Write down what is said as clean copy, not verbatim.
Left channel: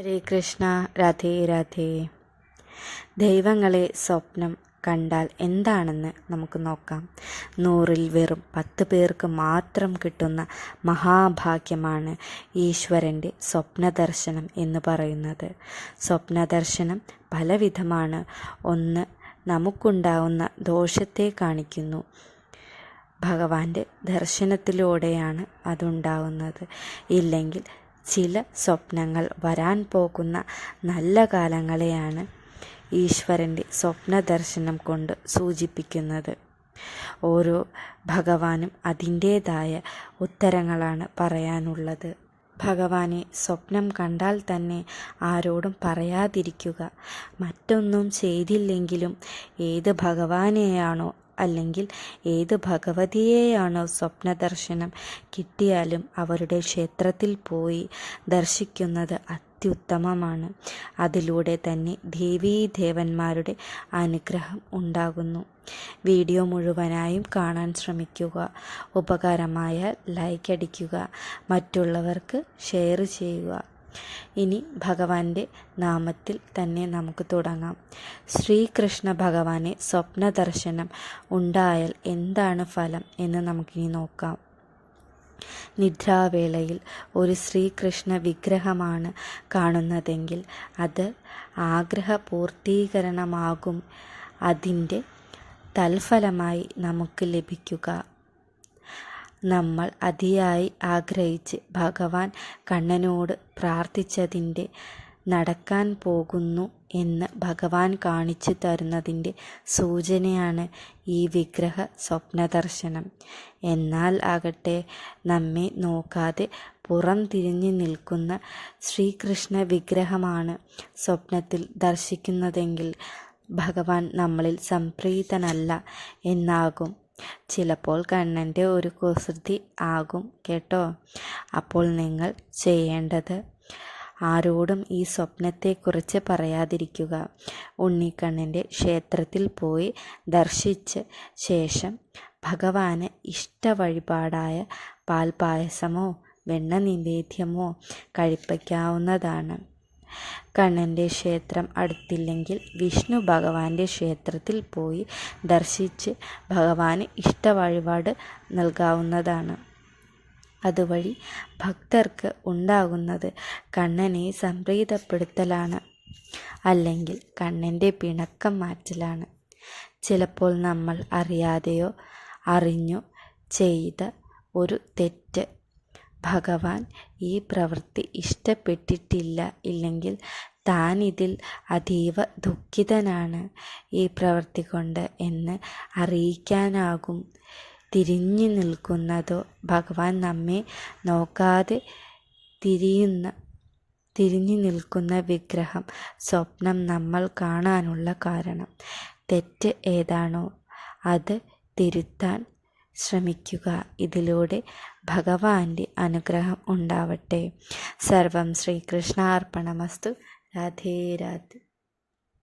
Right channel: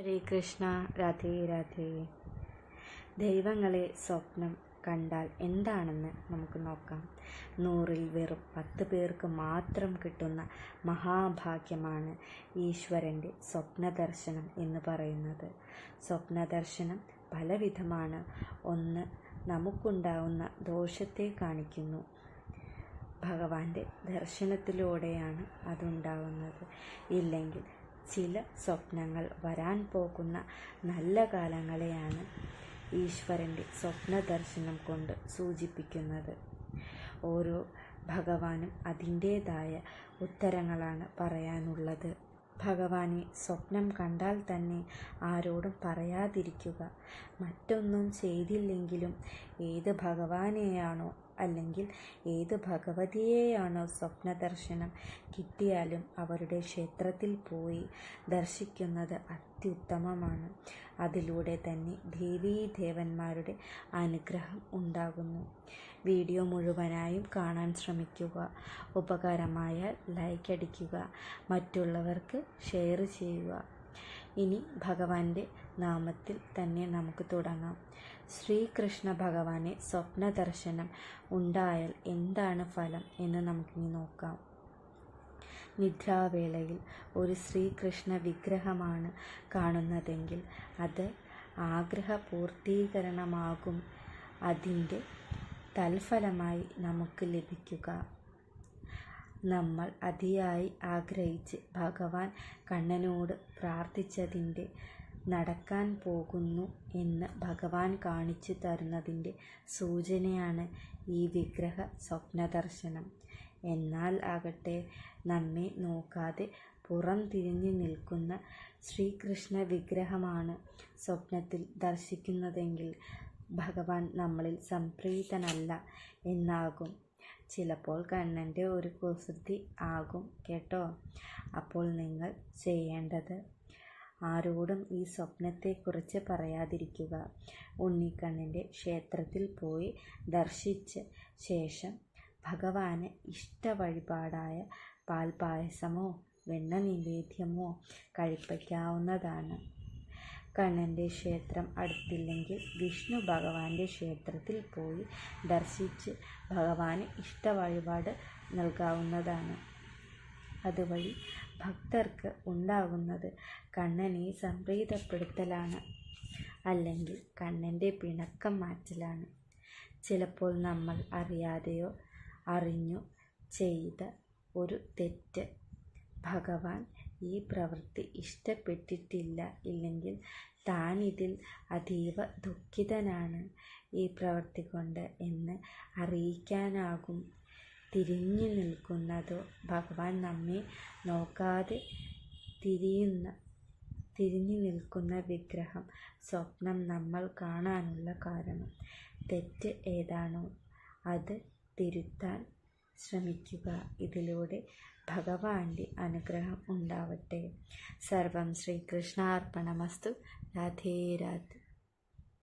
ഹരേ കൃഷ്ണ. രാധേ രാധേ. ദൈവങ്ങളെ സ്വപ്നം കണ്ടാൽ എന്താണെന്ന് നമുക്ക് നോക്കാം. 100-ൽ വെറും 10 പേർക്ക് മാത്രം കിട്ടുന്ന മഹാഭാഗ്യമാണ് ഈശ്വരൻ്റെ സ്വപ്നദർശനം എന്ന് പറയുന്നത്. സ്വപ്നദർശനം പലവിധമാണ്. ഒന്ന്, നമുക്കുണ്ടാവുന്ന ദോഷത്തെ കാണിക്കുന്നു. ഭഗവാന്റെ ദർശനത്തിലൂടെയാണ് അതുണ്ടാവുന്നത്. ഇല്ലെങ്കിൽ ചില സ്വപ്നങ്ങൾ വരാൻ പോകുന്ന നല്ല കാലങ്ങളെയാണ് ഈശ്വരൻ്റെ സ്വപ്നദർശനം കൊണ്ട് സൂചിപ്പിക്കുന്നത്. ഓരോ ഭഗവാനും അതിൻ്റേതായ ഉത്തരങ്ങളാണ് പറയാനുള്ളത്. ഭഗവാനെ സ്വപ്നം കണ്ടാൽ തന്നെ ആരോടും പറയാതിരിക്കുക. മറ്റൊന്നും ചെയ്തില്ലെങ്കിലും ഏത് ഭഗവാനെയാണോ അല്ലെങ്കിൽ ഏത് ഭഗവതിയെയാണോ സ്വപ്നദർശനം കിട്ടിയാലും അവരുടെ ക്ഷേത്രത്തിൽ പോയി ദർശിക്കുന്നത് അത്യുത്തമമാണ്. അതിലൂടെ തന്നെ ദേവീദേവന്മാരുടെ അനുഗ്രഹം ഉണ്ടാകുന്നു. വീഡിയോ മുഴുവനായും കാണാൻ ശ്രമിക്കുക. ഉപകാരമായാൽ ലൈക്ക് അടിക്കുക, മറ്റുള്ളവർക്ക് ഷെയർ ചെയ്യുക. ഇനി ഭഗവാന്റെ നാമത്തിൽ തന്നെ നമുക്ക് തുടങ്ങാം. ശ്രീകൃഷ്ണ ഭഗവാനെ സ്വപ്നദർശനം ഉണ്ടായാൽ എന്താണ് ഫലം എന്ന് നമുക്കിനി നോക്കാം. നിദ്രാവേളയിൽ ഒരു ശ്രീകൃഷ്ണ വിഗ്രഹമാണ് കാണുന്നതെങ്കിൽ അത് ആഗ്രഹപൂർത്തീകരണമാകും അതിൻ്റെ തൽഫലമായി നമുക്ക് ലഭിക്കുക. നമ്മൾ അതിയായി ആഗ്രഹിച്ച് ഭഗവാൻ കണ്ണനോട് പ്രാർത്ഥിച്ചതിൻ്റെ നടക്കാൻ പോകുന്നു എന്ന് ഭഗവാൻ കാണിച്ചു തരുന്നതിൻ്റെ സൂചനയാണ് ഈ വിഗ്രഹ സ്വപ്നദർശനം. എന്നാൽ ആകട്ടെ നമ്മെ നോക്കാതെ പുറം തിരിഞ്ഞു നിൽക്കുന്ന ശ്രീകൃഷ്ണ വിഗ്രഹമാണ് സ്വപ്നത്തിൽ ദർശിക്കുന്നതെങ്കിൽ ഭഗവാൻ നമ്മളിൽ സംപ്രീതനല്ല എന്നാകും. ചിലപ്പോൾ കണ്ണൻ്റെ ഒരു കുസൃതി ആകും കേട്ടോ. അപ്പോൾ നിങ്ങൾ ചെയ്യേണ്ടത് ആരോടും ഈ സ്വപ്നത്തെക്കുറിച്ച് പറയാതിരിക്കുക. ഉണ്ണിക്കണ്ണൻ്റെ ക്ഷേത്രത്തിൽ പോയി ദർശിച്ച ശേഷം ഭഗവാന് ഇഷ്ടവഴിപാടായ പാൽപായസമോ വെണ്ണ നിവേദ്യമോ കഴിപ്പിക്കാവുന്നതാണ്. കണ്ണൻ്റെ ക്ഷേത്രം അടുത്തില്ലെങ്കിൽ വിഷ്ണു ഭഗവാന്റെ ക്ഷേത്രത്തിൽ പോയി ദർശിച്ച് ഭഗവാന് ഇഷ്ടവഴിപാട് നൽകാവുന്നതാണ്. അതുവഴി ഭക്തർക്ക് ഉണ്ടാകുന്നത് കണ്ണനെ സംപ്രീതപ്പെടുത്തലാണ്, അല്ലെങ്കിൽ കണ്ണൻ്റെ പിണക്കം മാറ്റലാണ്. ചിലപ്പോൾ നമ്മൾ അറിയാതെയോ അറിഞ്ഞോ ചെയ്ത ഒരു തെറ്റ് ഭഗവാൻ ഈ പ്രവൃത്തി ഇഷ്ടപ്പെട്ടിട്ടില്ല, ഇല്ലെങ്കിൽ താനിതിൽ അതീവ ദുഃഖിതനാണ് ഈ പ്രവൃത്തി കൊണ്ട് എന്ന് അറിയിക്കാനാകും. തിരിഞ്ഞു നിൽക്കുന്നതോ ഭഗവാൻ നമ്മെ നോക്കാതെ തിരിഞ്ഞു നിൽക്കുന്ന വിഗ്രഹം സ്വപ്നം നമ്മൾ കാണാനുള്ള കാരണം. തെറ്റ് ഏതാണോ അത് തിരുത്താൻ ശ്രമിക്കുക. ഇതിലൂടെ ഭഗവാന്റെ അനുഗ്രഹം ഉണ്ടാവട്ടെ. സർവം ശ്രീകൃഷ്ണാർപ്പണമസ്തു. രാധേ രാധേ.